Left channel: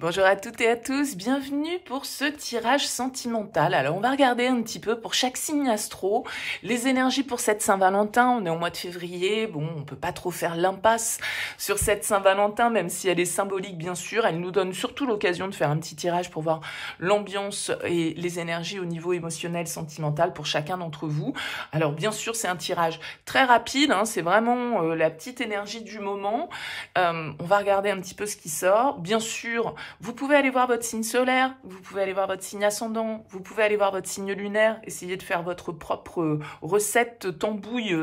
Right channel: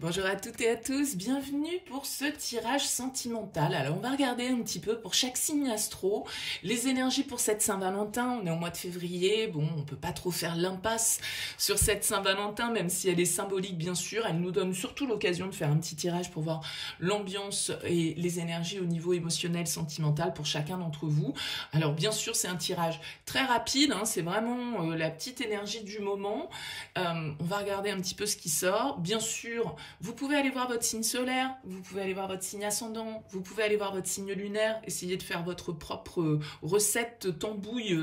Bonjour à toutes et à tous, bienvenue pour ce tirage sentimental. Alors on va regarder un petit peu pour chaque signe astro, les énergies pour cette Saint-Valentin. On est au mois de février, bon on peut pas trop faire l'impasse sur cette Saint-Valentin, même si elle est symbolique bien sûr. Elle nous donne surtout l'occasion de faire un petit tirage pour voir l'ambiance et les énergies au niveau émotionnel, sentimental pour chacun d'entre vous. Alors bien sûr c'est un tirage très rapide, hein, c'est vraiment la petite énergie du moment. On va regarder un petit peu ce qui sort. Bien sûr, vous pouvez aller voir votre signe solaire, vous pouvez aller voir votre signe ascendant, vous pouvez aller voir votre signe lunaire, essayer de faire votre propre recette tambouille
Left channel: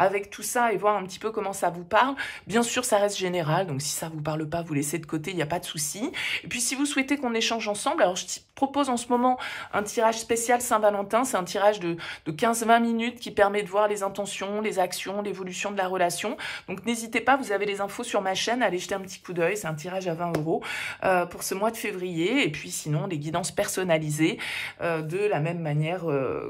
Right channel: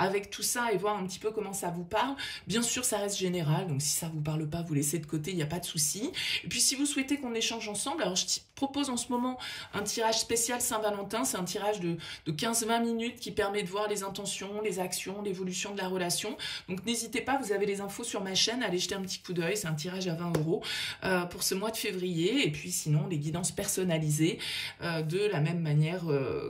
avec tout ça et voir un petit peu comment ça vous parle. Bien sûr, ça reste général, donc si ça vous parle pas, vous laissez de côté, il n'y a pas de souci. Et puis si vous souhaitez qu'on échange ensemble, alors je propose en ce moment un tirage spécial Saint-Valentin, c'est un tirage de 15-20 minutes qui permet de voir les intentions, les actions, l'évolution de la relation. Donc n'hésitez pas, vous avez les infos sur ma chaîne, allez jeter un petit coup d'œil, c'est un tirage à 20 € pour ce mois de février, et puis sinon les guidances personnalisées de la même manière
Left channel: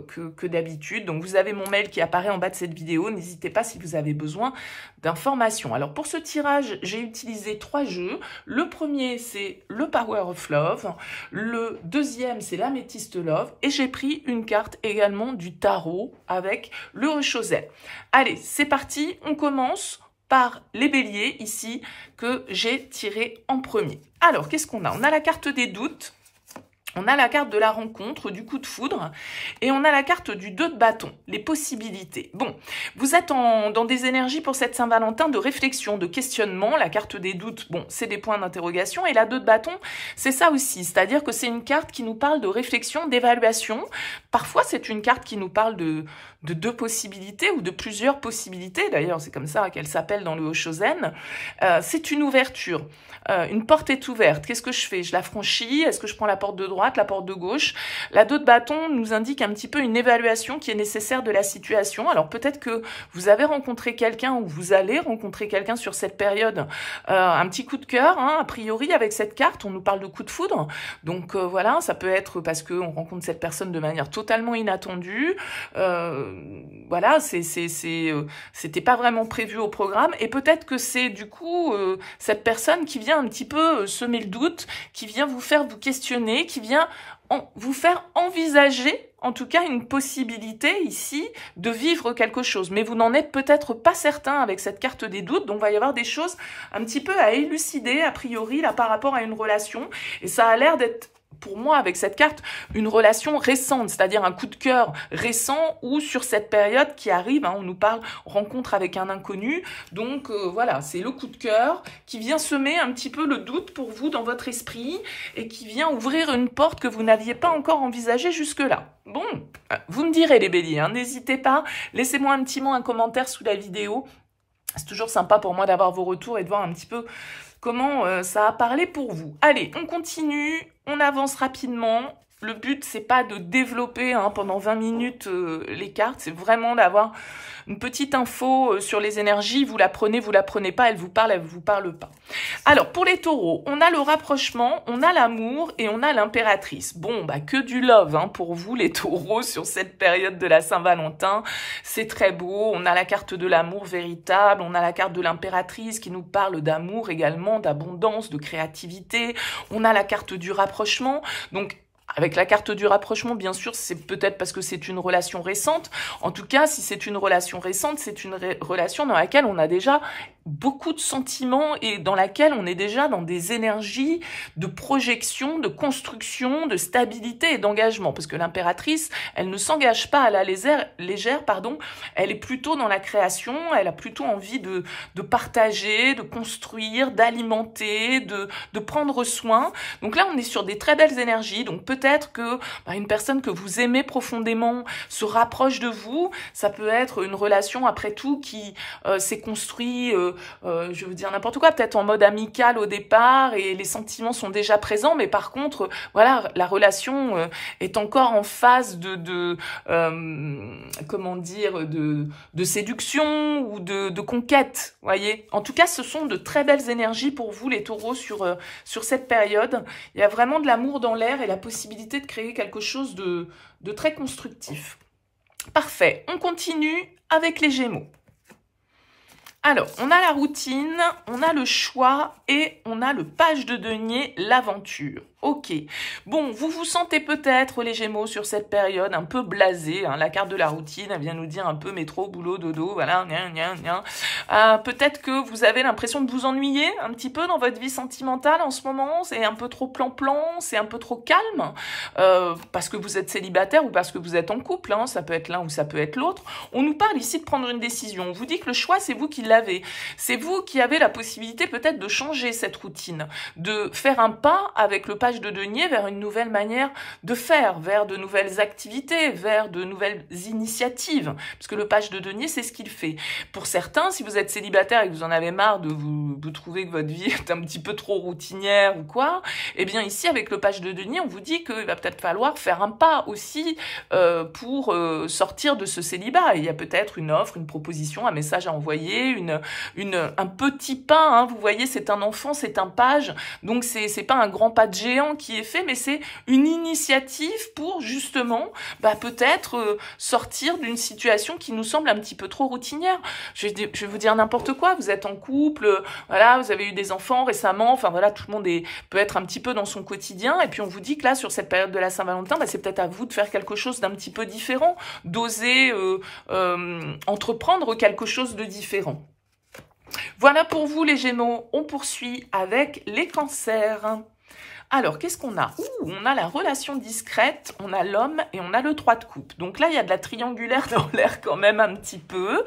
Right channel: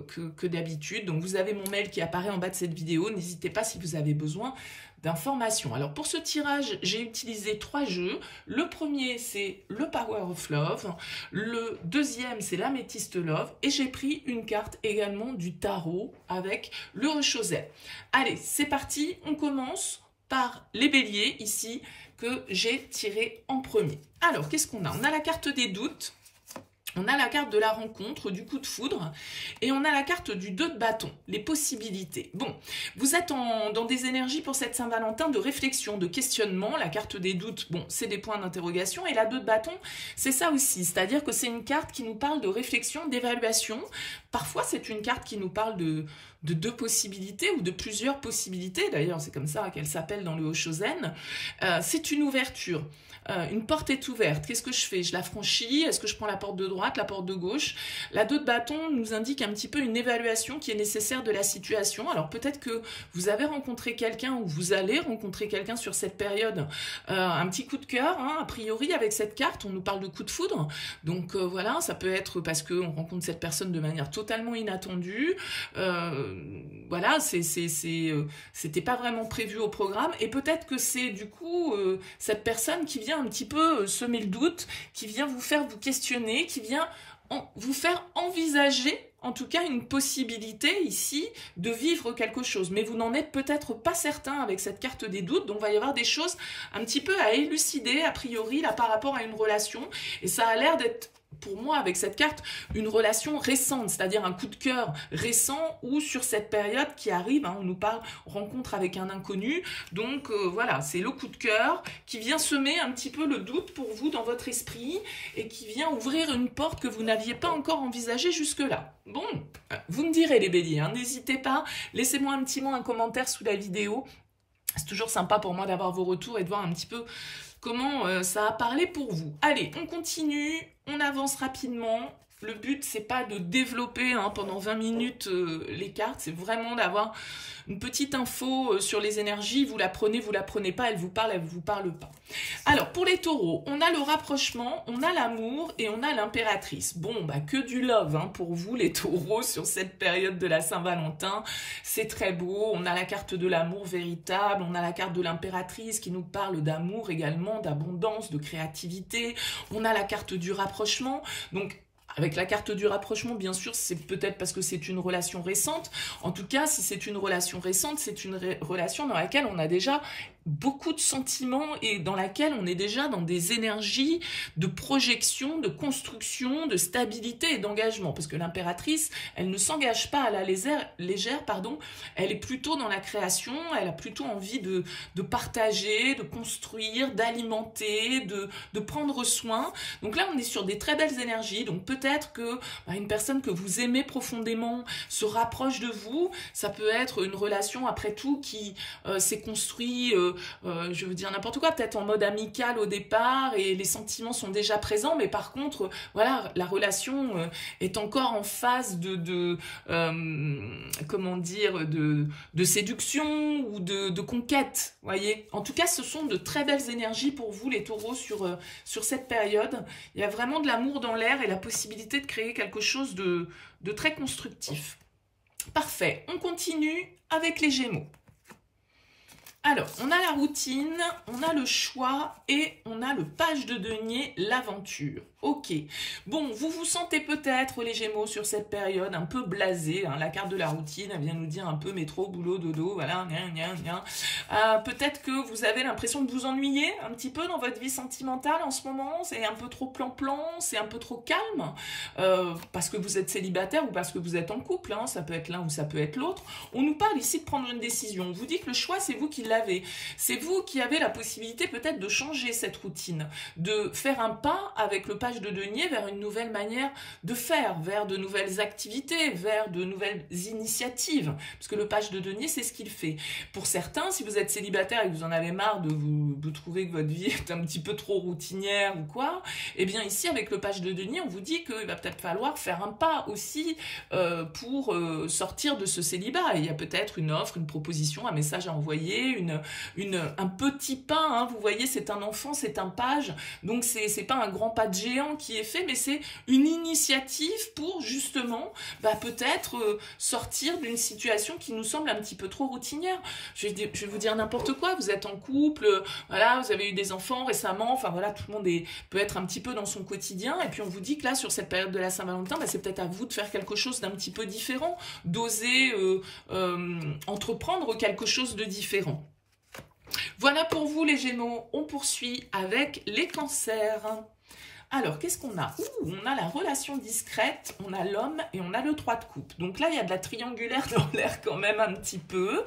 que d'habitude. Donc vous avez mon mail qui apparaît en bas de cette vidéo, n'hésitez pas si vous avez besoin d'informations. Alors pour ce tirage, j'ai utilisé 3 jeux. Le premier c'est le Power of Love, le deuxième c'est l'Améthyste Love, et j'ai pris une carte également du tarot avec le Rechauset. Allez, c'est parti, on commence par les béliers ici que j'ai tiré en premier. Alors, qu'est-ce qu'on a? On a la carte des doutes, on a la carte de la rencontre, du coup de foudre, et on a la carte du 2 de bâton, les possibilités. Bon, vous êtes dans des énergies pour cette Saint-Valentin de réflexion, de questionnement. La carte des doutes, bon, c'est des points d'interrogation, et la 2 de bâton, c'est ça aussi, c'est-à-dire que c'est une carte qui nous parle de réflexion, d'évaluation. Parfois, c'est une carte qui nous parle de 2 possibilités ou de plusieurs possibilités. D'ailleurs, c'est comme ça qu'elle s'appelle dans le Oshozen. C'est une ouverture. Une porte est ouverte. Qu'est-ce que je fais? Je la franchis? Est-ce que je prends la porte de droite, la porte de gauche? La 2 de bâton nous indique un petit peu une évaluation qui est nécessaire de la situation. Alors peut-être que vous avez rencontré quelqu'un ou vous allez rencontrer quelqu'un sur cette période. Un petit coup de cœur, hein, a priori, avec cette carte, on nous parle de coup de foudre. Donc voilà, ça peut être parce qu'on rencontre cette personne de manière totalement inattendue. Voilà, c'était pas vraiment prévu au programme. Et peut-être que c'est du coup cette personne qui vient un petit peu semer le doute, qui vient vous faire vous questionner, qui vient vous faire envisager, en tout cas, une possibilité ici de vivre quelque chose. Mais vous n'en êtes peut-être pas certain avec cette carte des doutes, donc il va y avoir des choses un petit peu à élucider, a priori, là, par rapport à une relation. Et ça a l'air d'être, pour moi, avec cette carte, une relation récente, c'est-à-dire un coup de cœur récent ou sur cette période qui arrive, hein, on nous parle rencontre avec un inconnu, donc voilà, c'est le coup de cœur qui vient semer un petit peu le doute pour vous dans votre esprit et qui vient ouvrir une porte que vous n'aviez pas encore envisagée jusque-là. Bon, vous me direz les béliers, hein, n'hésitez pas, laissez-moi un petit mot, un commentaire sous la vidéo. C'est toujours sympa pour moi d'avoir vos retours et de voir un petit peu comment ça a parlé pour vous. Allez, on continue, on avance rapidement. Le but, c'est pas de développer pendant 20 minutes les cartes, c'est vraiment d'avoir une petite info sur les énergies. Vous la prenez pas, elle vous parle pas. Alors, pour les taureaux, on a le rapprochement, on a l'amour et on a l'impératrice. Bon, bah que du love pour vous, les taureaux, sur cette période de la Saint-Valentin. C'est très beau, on a la carte de l'amour véritable, on a la carte de l'impératrice qui nous parle d'amour également, d'abondance, de créativité. On a la carte du rapprochement, donc avec la carte du rapprochement, bien sûr, c'est peut-être parce que c'est une relation récente. En tout cas, si c'est une relation récente, c'est une relation dans laquelle on a déjà beaucoup de sentiments et dans laquelle on est déjà dans des énergies de projection, de construction, de stabilité et d'engagement. Parce que l'impératrice, elle ne s'engage pas à la légère, pardon. Elle est plutôt dans la création, elle a plutôt envie de partager, de construire, d'alimenter, de prendre soin. Donc là, on est sur des très belles énergies. Donc peut-être que une personne que vous aimez profondément se rapproche de vous. Ça peut être une relation, après tout, qui s'est construite je veux dire n'importe quoi, peut-être en mode amical au départ et les sentiments sont déjà présents, mais par contre, voilà, la relation est encore en phase comment dire, de séduction ou de conquête, voyez. En tout cas, ce sont de très belles énergies pour vous, les taureaux, sur cette période. Il y a vraiment de l'amour dans l'air et la possibilité de créer quelque chose de très constructif. Parfait, on continue avec les Gémeaux. Alors, on a la routine, on a le choix et on a le page de denier, l'aventure. Ok. Bon, vous vous sentez peut-être, les Gémeaux, sur cette période un peu blasé. Hein, la carte de la routine, elle vient nous dire un peu métro, boulot, dodo, voilà. Peut-être que vous avez l'impression de vous ennuyer un petit peu dans votre vie sentimentale en ce moment. C'est un peu trop plan-plan, c'est un peu trop calme. Parce que vous êtes célibataire ou parce que vous êtes en couple. Hein, ça peut être l'un ou ça peut être l'autre. On nous parle ici de prendre une décision. On vous dit que le choix, c'est vous qui l'avez. C'est vous qui avez la possibilité peut-être de changer cette routine, de faire un pas avec le page de denier vers une nouvelle manière de faire, vers de nouvelles activités, vers de nouvelles initiatives. Parce que le page de denier, c'est ce qu'il fait. Pour certains, si vous êtes célibataire et que vous en avez marre de vous trouver que votre vie est un petit peu trop routinière ou quoi, eh bien ici, avec le page de denier, on vous dit qu'il va peut-être falloir faire un pas aussi pour sortir de ce célibat. Et il y a peut-être une offre, une proposition, un message à envoyer, un petit pas, hein, vous voyez, c'est un enfant, c'est un page, donc c'est pas un grand pas de géant qui est fait, mais c'est une initiative pour justement, peut-être sortir d'une situation qui nous semble un petit peu trop routinière. Je vais vous dire n'importe quoi, vous êtes en couple, voilà, vous avez eu des enfants récemment, enfin voilà, tout le monde peut être un petit peu dans son quotidien, et puis on vous dit que là, sur cette période de la Saint-Valentin, c'est peut-être à vous de faire quelque chose d'un petit peu différent, d'oser entreprendre quelque chose de différent. Voilà pour vous les Gémeaux, on poursuit avec les Cancers. Alors, qu'est-ce qu'on a? On a la relation discrète, on a l'homme et on a le 3 de coupe. Donc là, il y a de la triangulaire dans l'air quand même un petit peu.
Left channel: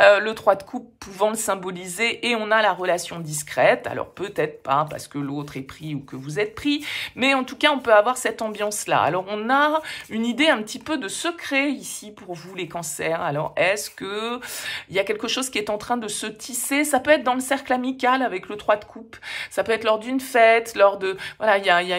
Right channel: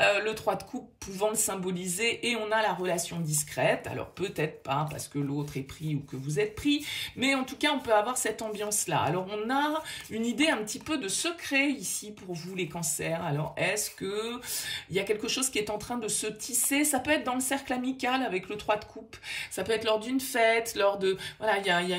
Le 3 de coupe pouvant le symboliser et on a la relation discrète. Alors peut-être pas parce que l'autre est pris ou que vous êtes pris, mais en tout cas, on peut avoir cette ambiance-là. Alors, on a une idée un petit peu de secret ici pour vous les Cancers. Alors, est-ce que il y a quelque chose qui est en train de se tisser? Ça peut être dans le cercle amical avec le 3 de coupe. Ça peut être lors d'une fête, lors de... Voilà, il y a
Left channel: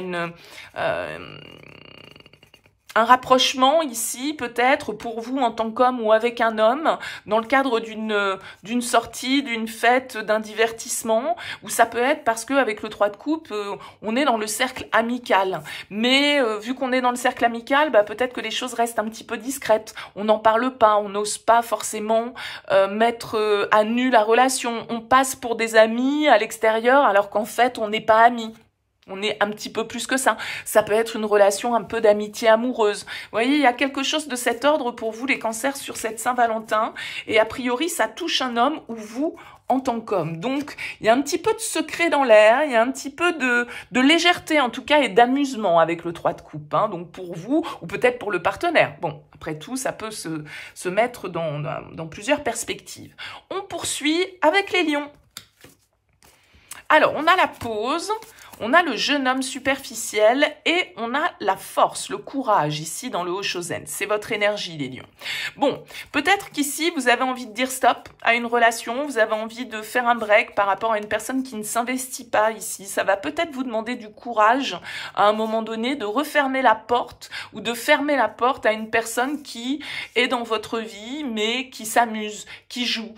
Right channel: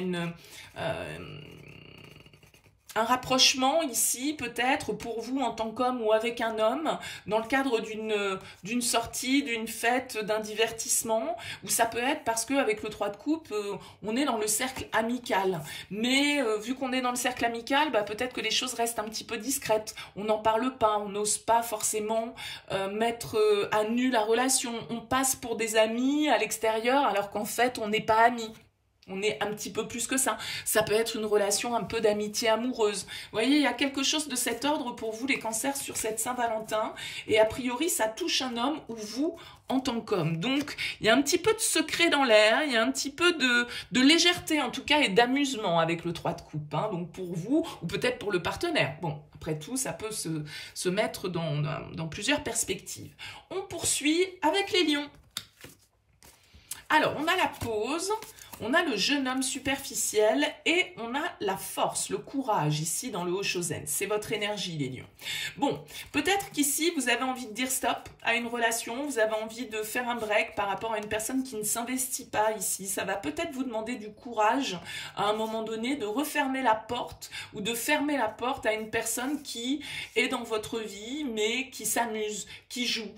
un rapprochement ici, peut-être, pour vous en tant qu'homme ou avec un homme, dans le cadre d'une sortie, d'une fête, d'un divertissement, ou ça peut être parce qu'avec le 3 de coupe, on est dans le cercle amical. Mais vu qu'on est dans le cercle amical, peut-être que les choses restent un petit peu discrètes. On n'en parle pas, on n'ose pas forcément mettre à nu la relation. On passe pour des amis à l'extérieur, alors qu'en fait, on n'est pas amis. On est un petit peu plus que ça. Ça peut être une relation un peu d'amitié amoureuse. Vous voyez, il y a quelque chose de cet ordre pour vous, les Cancers, sur cette Saint-Valentin. Et a priori, ça touche un homme ou vous en tant qu'homme. Donc, il y a un petit peu de secret dans l'air. Il y a un petit peu de légèreté, en tout cas, et d'amusement avec le 3 de coupe. Hein. Donc, pour vous, ou peut-être pour le partenaire. Bon, après tout, ça peut se mettre dans plusieurs perspectives. On poursuit avec les Lions. Alors, on a la pause. On a le jeune homme superficiel et on a la force, le courage ici dans le Haut-Chosen. C'est votre énergie, les lions. Bon, peut-être qu'ici, vous avez envie de dire stop à une relation, vous avez envie de faire un break par rapport à une personne qui ne s'investit pas ici. Ça va peut-être vous demander du courage à un moment donné de refermer la porte ou de fermer la porte à une personne qui est dans votre vie, mais qui s'amuse, qui joue,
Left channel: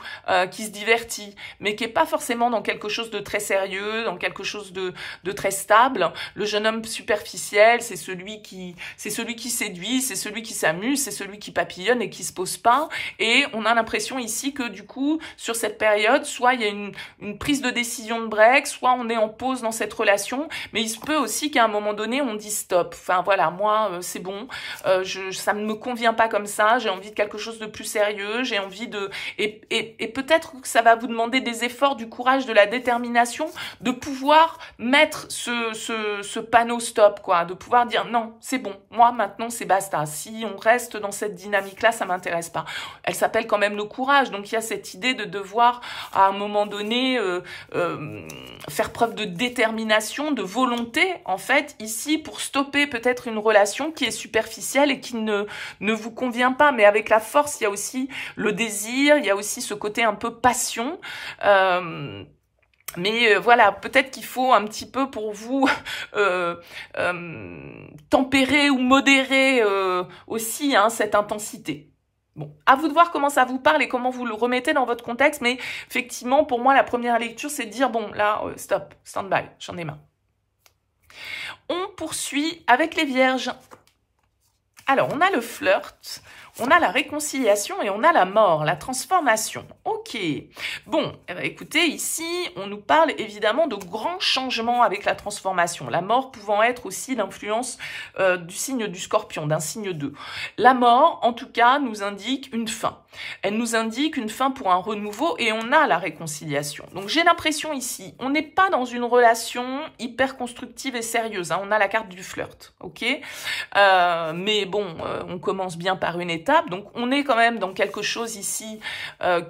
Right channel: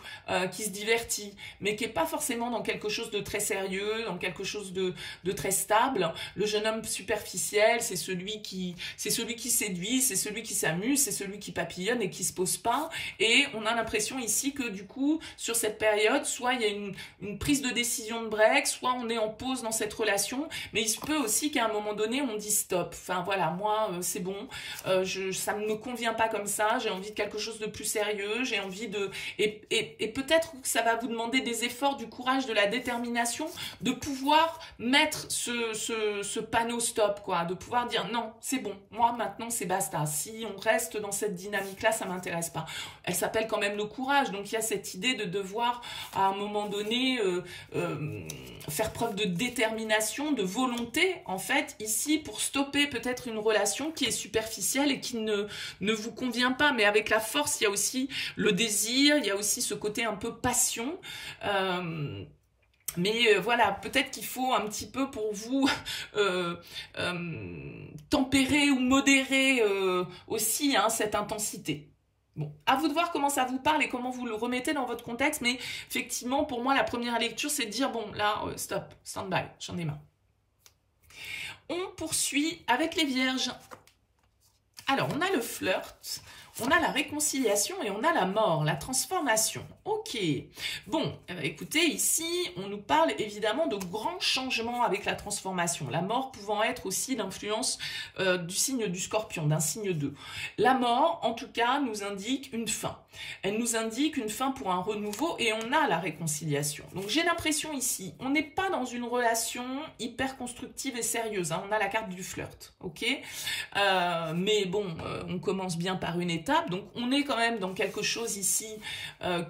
qui se divertit, mais qui n'est pas forcément dans quelque chose de très sérieux, dans quelque chose de très stable. Le jeune homme superficiel, c'est celui qui séduit, c'est celui qui s'amuse, c'est celui qui papillonne et qui se pose pas. Et on a l'impression ici que du coup, sur cette période, soit il y a une prise de décision de break, soit on est en pause dans cette relation, mais il se peut aussi qu'à un moment donné, on dit stop. Enfin voilà, moi, c'est bon, ça ne me convient pas comme ça, j'ai envie de quelque chose de plus sérieux, j'ai envie de... Et peut-être que ça va vous demander des efforts, du courage, de la détermination, de pouvoir mettre ce panneau stop, quoi, de pouvoir dire non, c'est bon, moi maintenant c'est basta, si on reste dans cette dynamique-là, ça m'intéresse pas. Elle s'appelle quand même le courage, donc il y a cette idée de devoir à un moment donné faire preuve de détermination, de volonté, en fait, ici, pour stopper peut-être une relation qui est superficielle et qui ne vous convient pas, mais avec la force, il y a aussi le désir, il y a aussi ce côté un peu passion, mais voilà, peut-être qu'il faut un petit peu pour vous tempérer ou modérer aussi cette intensité. Bon, à vous de voir comment ça vous parle et comment vous le remettez dans votre contexte, mais effectivement, pour moi, la première lecture, c'est de dire, bon, là, stop, stand-by, j'en ai marre. On poursuit avec les Vierges. Alors, on a le flirt, on a la réconciliation et on a la mort, la transformation. Ok. Bon, écoutez, ici, on nous parle évidemment de grands changements avec la transformation. La mort pouvant être aussi l'influence du signe du Scorpion, d'un signe 2. La mort, en tout cas, nous indique une fin. Elle nous indique une fin pour un renouveau et on a la réconciliation. Donc j'ai l'impression ici, on n'est pas dans une relation hyper constructive et sérieuse. Hein. On a la carte du flirt, ok, mais bon, on commence bien par une étape. Donc on est quand même dans quelque chose ici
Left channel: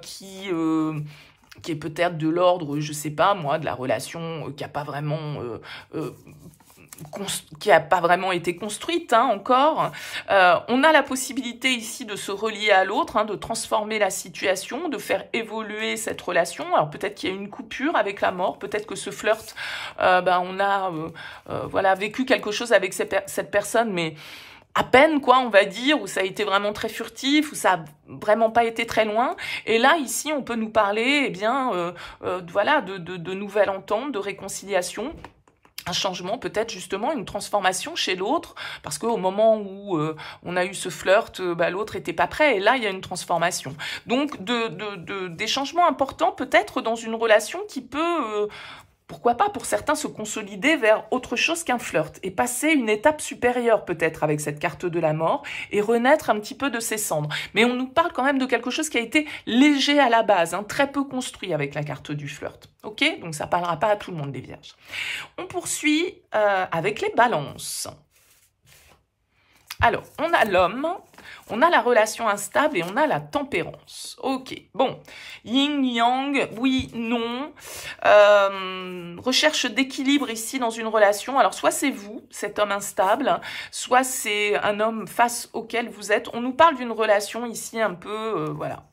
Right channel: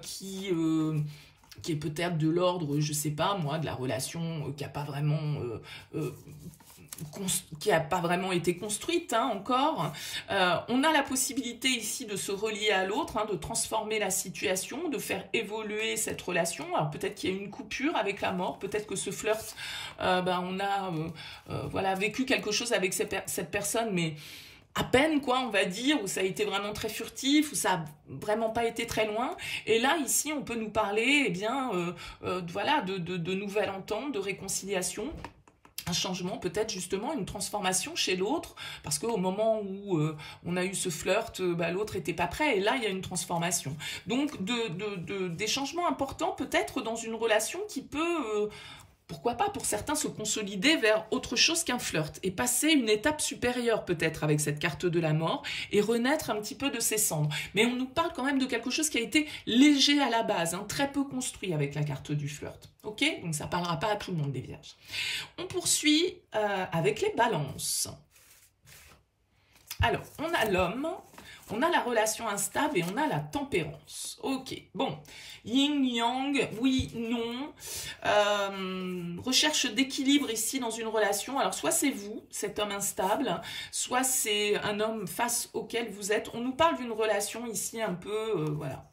qui est peut-être de l'ordre, je sais pas moi, de la relation qui n'a pas vraiment été construite hein, encore. On a la possibilité ici de se relier à l'autre, hein, de transformer la situation, de faire évoluer cette relation. Alors peut-être qu'il y a une coupure avec la mort, peut-être que ce flirt, on a voilà, vécu quelque chose avec cette personne, mais à peine, quoi, on va dire, où ça a été vraiment très furtif, où ça a vraiment pas été très loin. Et là, ici, on peut nous parler, eh bien, voilà, de nouvelles ententes, de réconciliation. Un changement, peut-être justement une transformation chez l'autre, parce qu'au moment où on a eu ce flirt, l'autre était pas prêt, et là il y a une transformation. Donc des changements importants peut-être dans une relation qui peut, pourquoi pas pour certains, se consolider vers autre chose qu'un flirt, et passer une étape supérieure peut-être avec cette carte de la mort, et renaître un petit peu de ses cendres. Mais on nous parle quand même de quelque chose qui a été léger à la base, hein, très peu construit avec la carte du flirt. Ok, donc ça parlera pas à tout le monde des vierges. On poursuit avec les balances. Alors, on a l'homme, on a la relation instable et on a la tempérance. Ok, bon, yin, yang, oui, non. Recherche d'équilibre ici dans une relation. Alors, soit c'est vous, cet homme instable, soit c'est un homme face auquel vous êtes. On nous parle d'une relation ici un peu, voilà.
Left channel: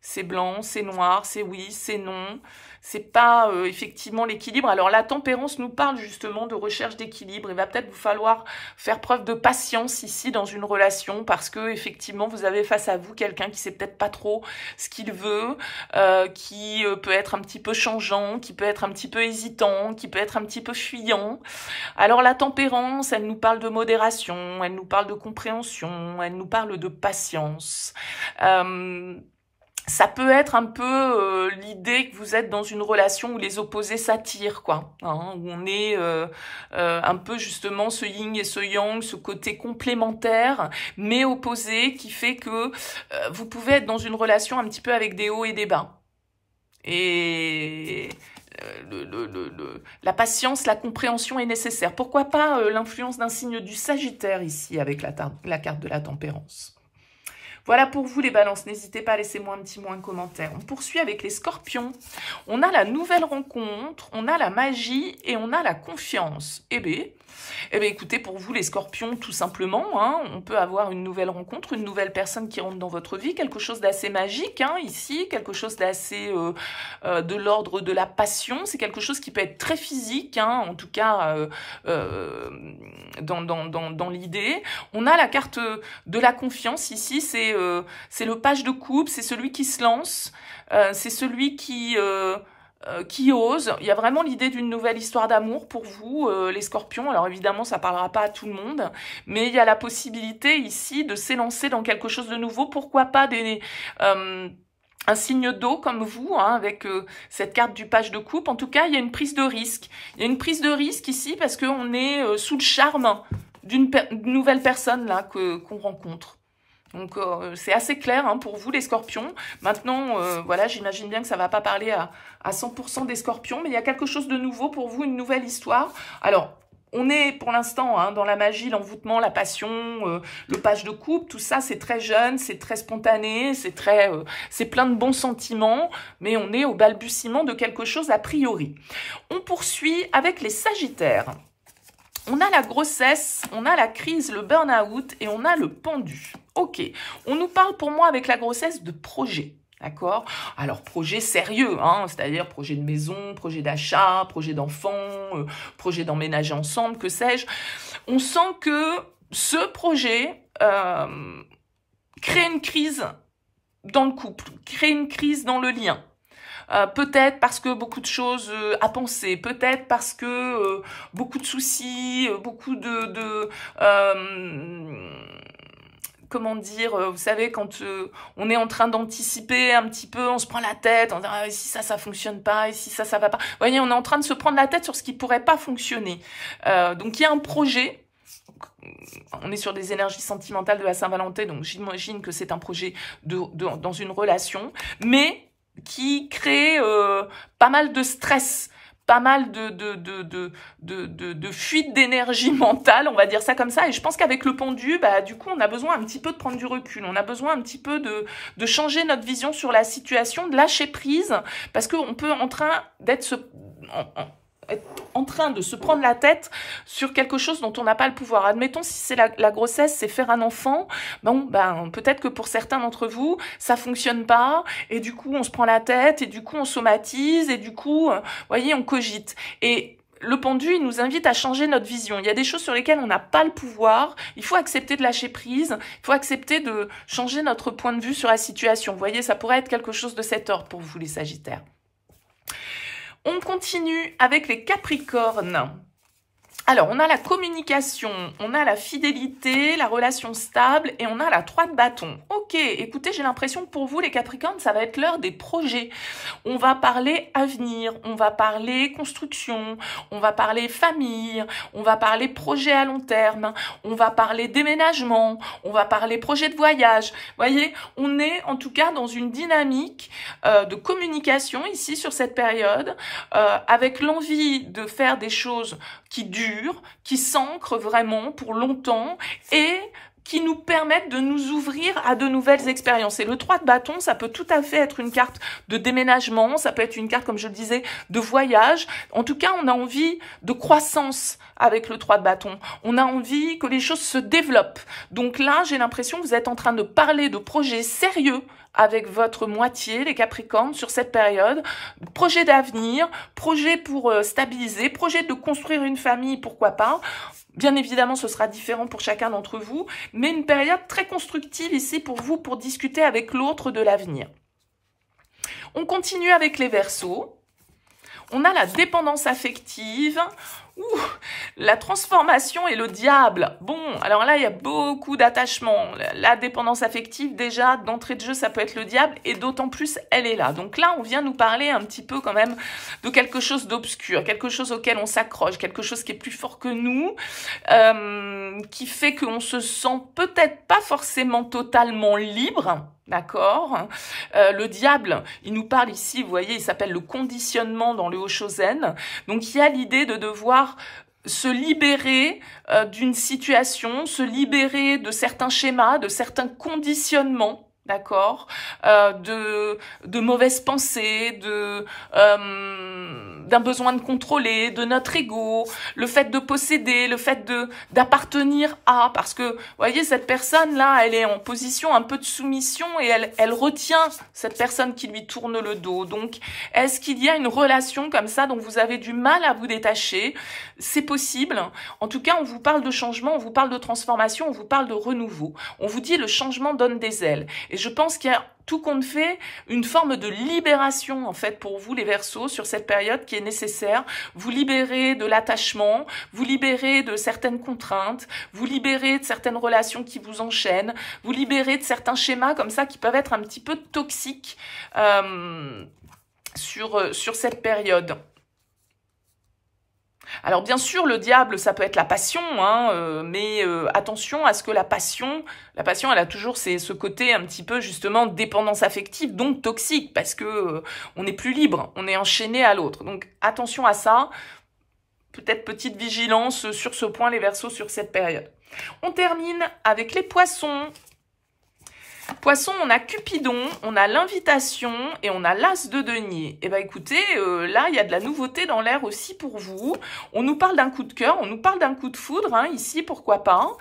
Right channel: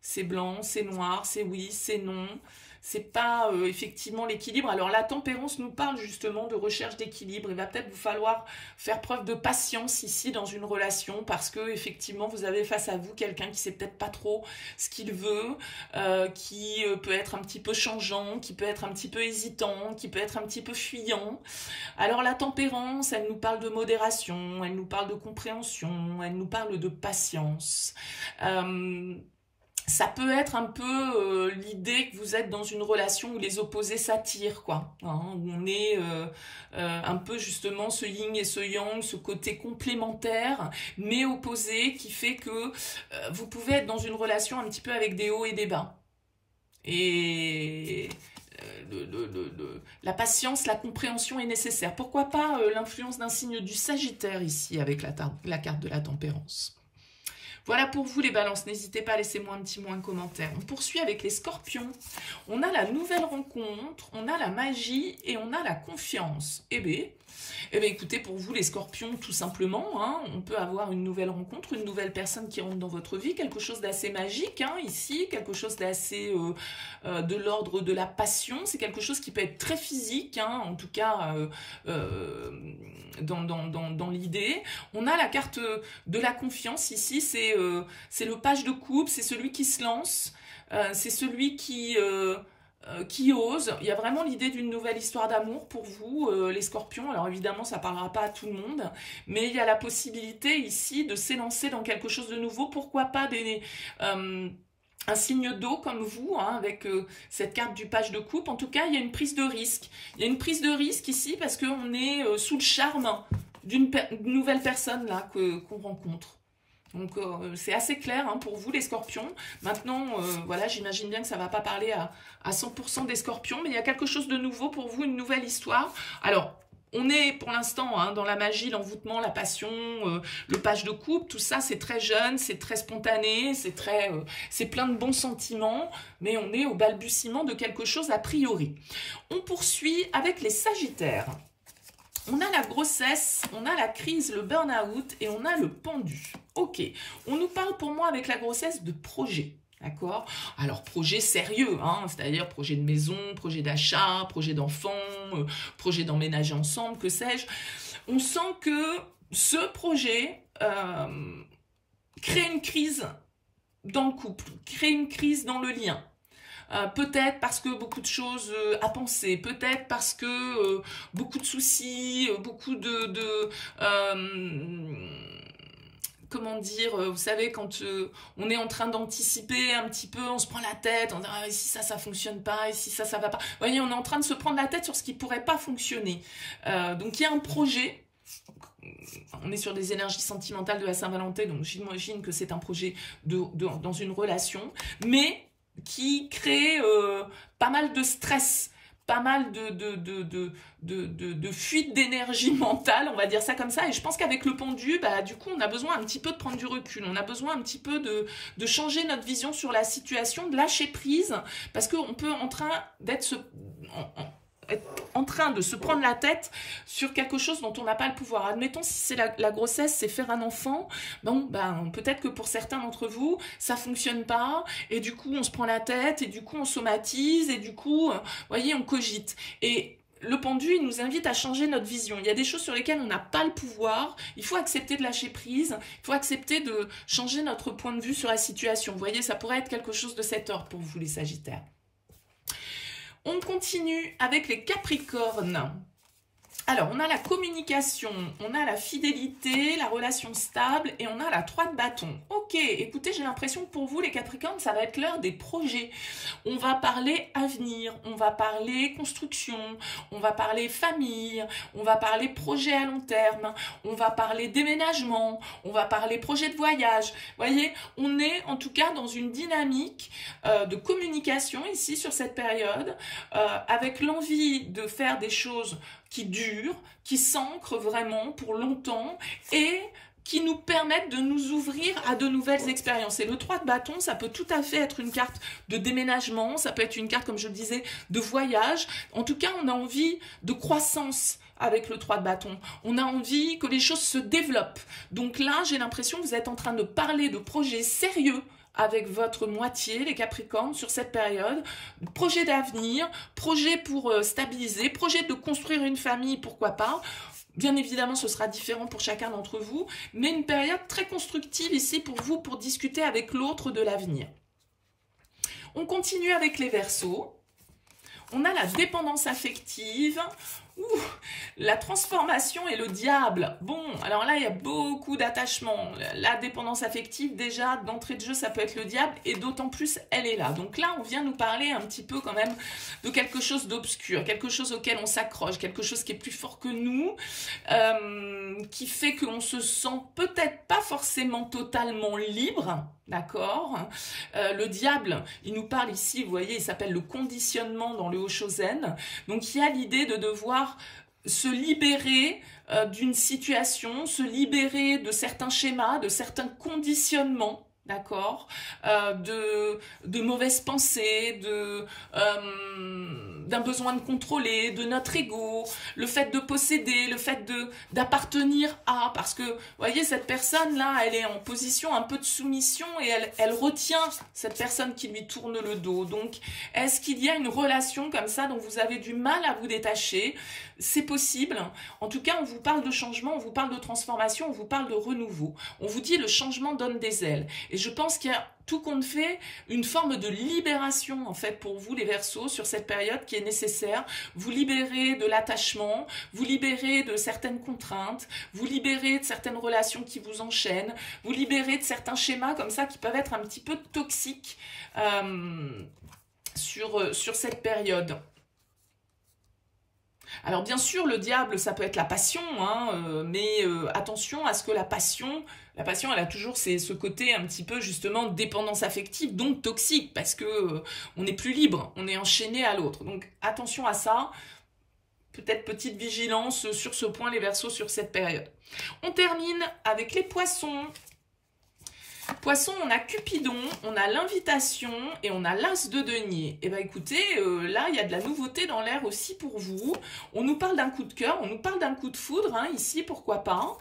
C'est blanc, c'est noir, c'est oui, c'est non. C'est pas effectivement l'équilibre. Alors la tempérance nous parle justement de recherche d'équilibre. Il va peut-être vous falloir faire preuve de patience ici dans une relation parce que effectivement vous avez face à vous quelqu'un qui sait peut-être pas trop ce qu'il veut, qui peut être un petit peu changeant, qui peut être un petit peu hésitant, qui peut être un petit peu fuyant. Alors la tempérance, elle nous parle de modération, elle nous parle de compréhension, elle nous parle de patience. Ça peut être un peu l'idée que vous êtes dans une relation où les opposés s'attirent, quoi. Hein, où on est un peu justement ce yin et ce yang, ce côté complémentaire, mais opposé, qui fait que vous pouvez être dans une relation un petit peu avec des hauts et des bas. Et la patience, la compréhension est nécessaire. Pourquoi pas l'influence d'un signe du Sagittaire ici avec la carte de la tempérance. Voilà pour vous les balances, n'hésitez pas à laisser moi un petit mot, un commentaire. On poursuit avec les scorpions. On a la nouvelle rencontre, on a la magie et on a la confiance. Eh bien, écoutez, pour vous les scorpions, tout simplement, hein, on peut avoir une nouvelle rencontre, une nouvelle personne qui rentre dans votre vie, quelque chose d'assez magique hein, ici, quelque chose d'assez de l'ordre de la passion. C'est quelque chose qui peut être très physique, hein, en tout cas dans l'idée. On a la carte de la confiance ici, c'est le page de coupe, c'est celui qui se lance, c'est celui qui ose. Il y a vraiment l'idée d'une nouvelle histoire d'amour pour vous, les scorpions. Alors évidemment, ça ne parlera pas à tout le monde, mais il y a la possibilité ici de s'élancer dans quelque chose de nouveau. Pourquoi pas un signe d'eau comme vous, hein, avec cette carte du page de coupe. En tout cas, il y a une prise de risque. Il y a une prise de risque ici parce qu'on est sous le charme d'une nouvelle personne là qu'on rencontre. Donc, c'est assez clair hein, pour vous, les scorpions. Maintenant, voilà, j'imagine bien que ça ne va pas parler à 100% des scorpions, mais il y a quelque chose de nouveau pour vous, une nouvelle histoire. Alors, on est pour l'instant hein, dans la magie, l'envoûtement, la passion, le page de coupe, tout ça, c'est très jeune, c'est très spontané, c'est plein de bons sentiments, mais on est au balbutiement de quelque chose a priori. On poursuit avec les sagittaires. On a la grossesse, on a la crise, le burn-out et on a le pendu. Ok, on nous parle pour moi avec la grossesse de projet. D'accord? Alors, projet sérieux, hein, c'est-à-dire projet de maison, projet d'achat, projet d'enfant, projet d'emménager ensemble, que sais-je. On sent que ce projet crée une crise dans le couple, crée une crise dans le lien. Peut-être parce que beaucoup de choses à penser, peut-être parce que beaucoup de soucis, beaucoup comment dire, vous savez, quand on est en train d'anticiper un petit peu, on se prend la tête, on dit ah, si ça fonctionne pas, et si ça va pas. Vous voyez, on est en train de se prendre la tête sur ce qui pourrait pas fonctionner. Donc il y a un projet. On est sur des énergies sentimentales de la Saint-Valentin, donc j'imagine que c'est un projet dans une relation, mais qui crée pas mal de stress, pas mal de fuite d'énergie mentale, on va dire ça comme ça. Et je pense qu'avec le pendu, bah, du coup, on a besoin un petit peu de prendre du recul. On a besoin un petit peu de changer notre vision sur la situation, de lâcher prise, parce qu'on peut en train d'être en train de se prendre la tête sur quelque chose dont on n'a pas le pouvoir. Admettons, si c'est la grossesse, c'est faire un enfant, bon, ben, peut-être que pour certains d'entre vous, ça fonctionne pas, et du coup, on se prend la tête, et du coup, on somatise, et du coup, vous voyez, on cogite. Et le pendu, il nous invite à changer notre vision. Il y a des choses sur lesquelles on n'a pas le pouvoir. Il faut accepter de lâcher prise. Il faut accepter de changer notre point de vue sur la situation. Vous voyez, ça pourrait être quelque chose de cet ordre pour vous, les Sagittaires. On continue avec les Capricornes. Alors, on a la communication, on a la fidélité, la relation stable et on a la 3 de bâton. Ok, écoutez, j'ai l'impression que pour vous, les Capricornes, ça va être l'heure des projets. On va parler avenir, on va parler construction, on va parler famille, on va parler projet à long terme, on va parler déménagement, on va parler projet de voyage. Vous voyez, on est en tout cas dans une dynamique de communication ici sur cette période, avec l'envie de faire des choses qui durent, qui s'ancrent vraiment pour longtemps et qui nous permettent de nous ouvrir à de nouvelles expériences. Et le 3 de bâton, ça peut tout à fait être une carte de déménagement, ça peut être une carte, comme je le disais, de voyage. En tout cas, on a envie de croissance avec le 3 de bâton. On a envie que les choses se développent. Donc là, j'ai l'impression que vous êtes en train de parler de projets sérieux avec votre moitié, les Capricornes, sur cette période. Projet d'avenir, projet pour stabiliser, projet de construire une famille, pourquoi pas. Bien évidemment, ce sera différent pour chacun d'entre vous, mais une période très constructive ici pour vous, pour discuter avec l'autre de l'avenir. On continue avec les Verseaux. On a la dépendance affective, la transformation et le diable. Bon, alors là, il y a beaucoup d'attachement. La dépendance affective, déjà, d'entrée de jeu, ça peut être le diable, et d'autant plus, elle est là. Donc là, on vient nous parler un petit peu quand même de quelque chose d'obscur, quelque chose auquel on s'accroche, quelque chose qui est plus fort que nous, qui fait qu'on se sent peut-être pas forcément totalement libre. D'accord. Le diable, il nous parle ici, vous voyez, il s'appelle le conditionnement dans le Hoshozen. Donc, il y a l'idée de devoir se libérer d'une situation, se libérer de certains schémas, de certains conditionnements, d'accord, de mauvaises pensées, d'un besoin de contrôler, de notre ego, le fait de posséder, le fait d'appartenir à, parce que, vous voyez, cette personne-là, elle est en position un peu de soumission et elle retient cette personne qui lui tourne le dos. Donc, est-ce qu'il y a une relation comme ça dont vous avez du mal à vous détacher? C'est possible. En tout cas, on vous parle de changement, on vous parle de transformation, on vous parle de renouveau. On vous dit le changement donne des ailes. Et je pense qu'il y a tout compte fait une forme de libération en fait pour vous les Verseaux sur cette période qui est nécessaire. Vous libérez de l'attachement, vous libérez de certaines contraintes, vous libérez de certaines relations qui vous enchaînent, vous libérez de certains schémas comme ça qui peuvent être un petit peu toxiques sur cette période. Alors bien sûr, le diable, ça peut être la passion, hein, mais attention à ce que la passion, elle a toujours ce côté un petit peu justement dépendance affective, donc toxique, parce que on n'est plus libre, on est enchaîné à l'autre. Donc attention à ça, peut-être petite vigilance sur ce point, les Verseaux, sur cette période. On termine avec les Poissons. Poisson, on a Cupidon, on a l'invitation et on a l'as de denier. Et bien écoutez, là il y a de la nouveauté dans l'air aussi pour vous. On nous parle d'un coup de cœur, on nous parle d'un coup de foudre, hein, ici pourquoi pas.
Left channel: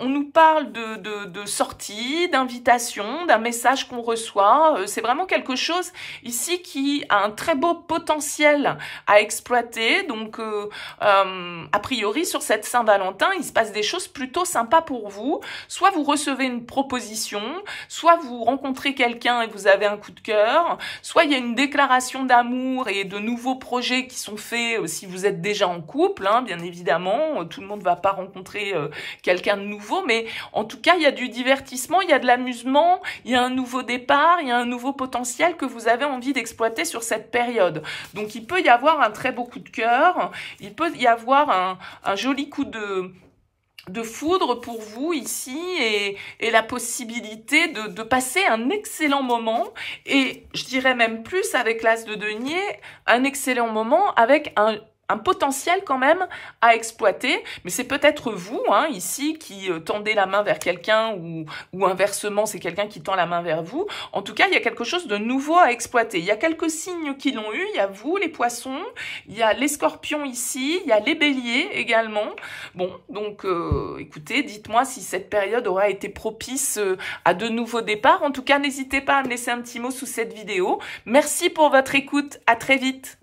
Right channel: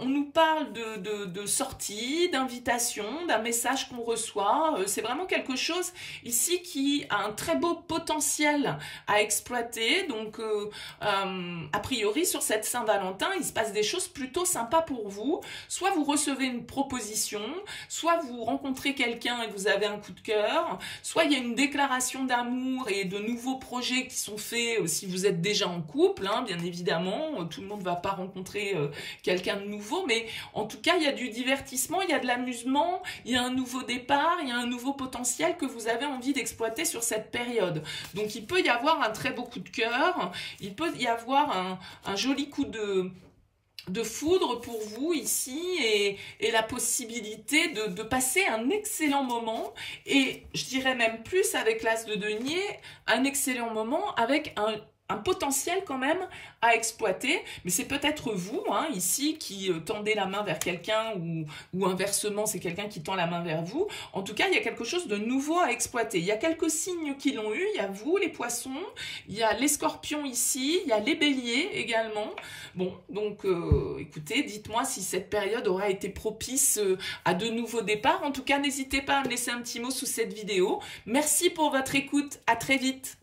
On nous parle de sortie, d'invitation, d'un message qu'on reçoit. C'est vraiment quelque chose ici qui a un très beau potentiel à exploiter. Donc a priori sur cette Saint-Valentin, il se passe des choses plutôt sympas pour vous. Soit vous recevez une proposition, passion, soit vous rencontrez quelqu'un et vous avez un coup de cœur, soit il y a une déclaration d'amour et de nouveaux projets qui sont faits si vous êtes déjà en couple, hein, bien évidemment, tout le monde ne va pas rencontrer quelqu'un de nouveau, mais en tout cas, il y a du divertissement, il y a de l'amusement, il y a un nouveau départ, il y a un nouveau potentiel que vous avez envie d'exploiter sur cette période. Donc, il peut y avoir un très beau coup de cœur, il peut y avoir un joli coup de foudre pour vous ici et la possibilité de passer un excellent moment et je dirais même plus avec l'as de denier, un excellent moment avec un potentiel quand même à exploiter, mais c'est peut-être vous hein, ici qui tendez la main vers quelqu'un ou inversement c'est quelqu'un qui tend la main vers vous. En tout cas, il y a quelque chose de nouveau à exploiter. Il y a quelques signes qui l'ont eu, il y a vous les poissons, il y a les scorpions ici, il y a les béliers également. Bon, donc écoutez, dites-moi si cette période aura été propice à de nouveaux départs. En tout cas, n'hésitez pas à me laisser un petit mot sous cette vidéo. Merci pour votre écoute, à très vite.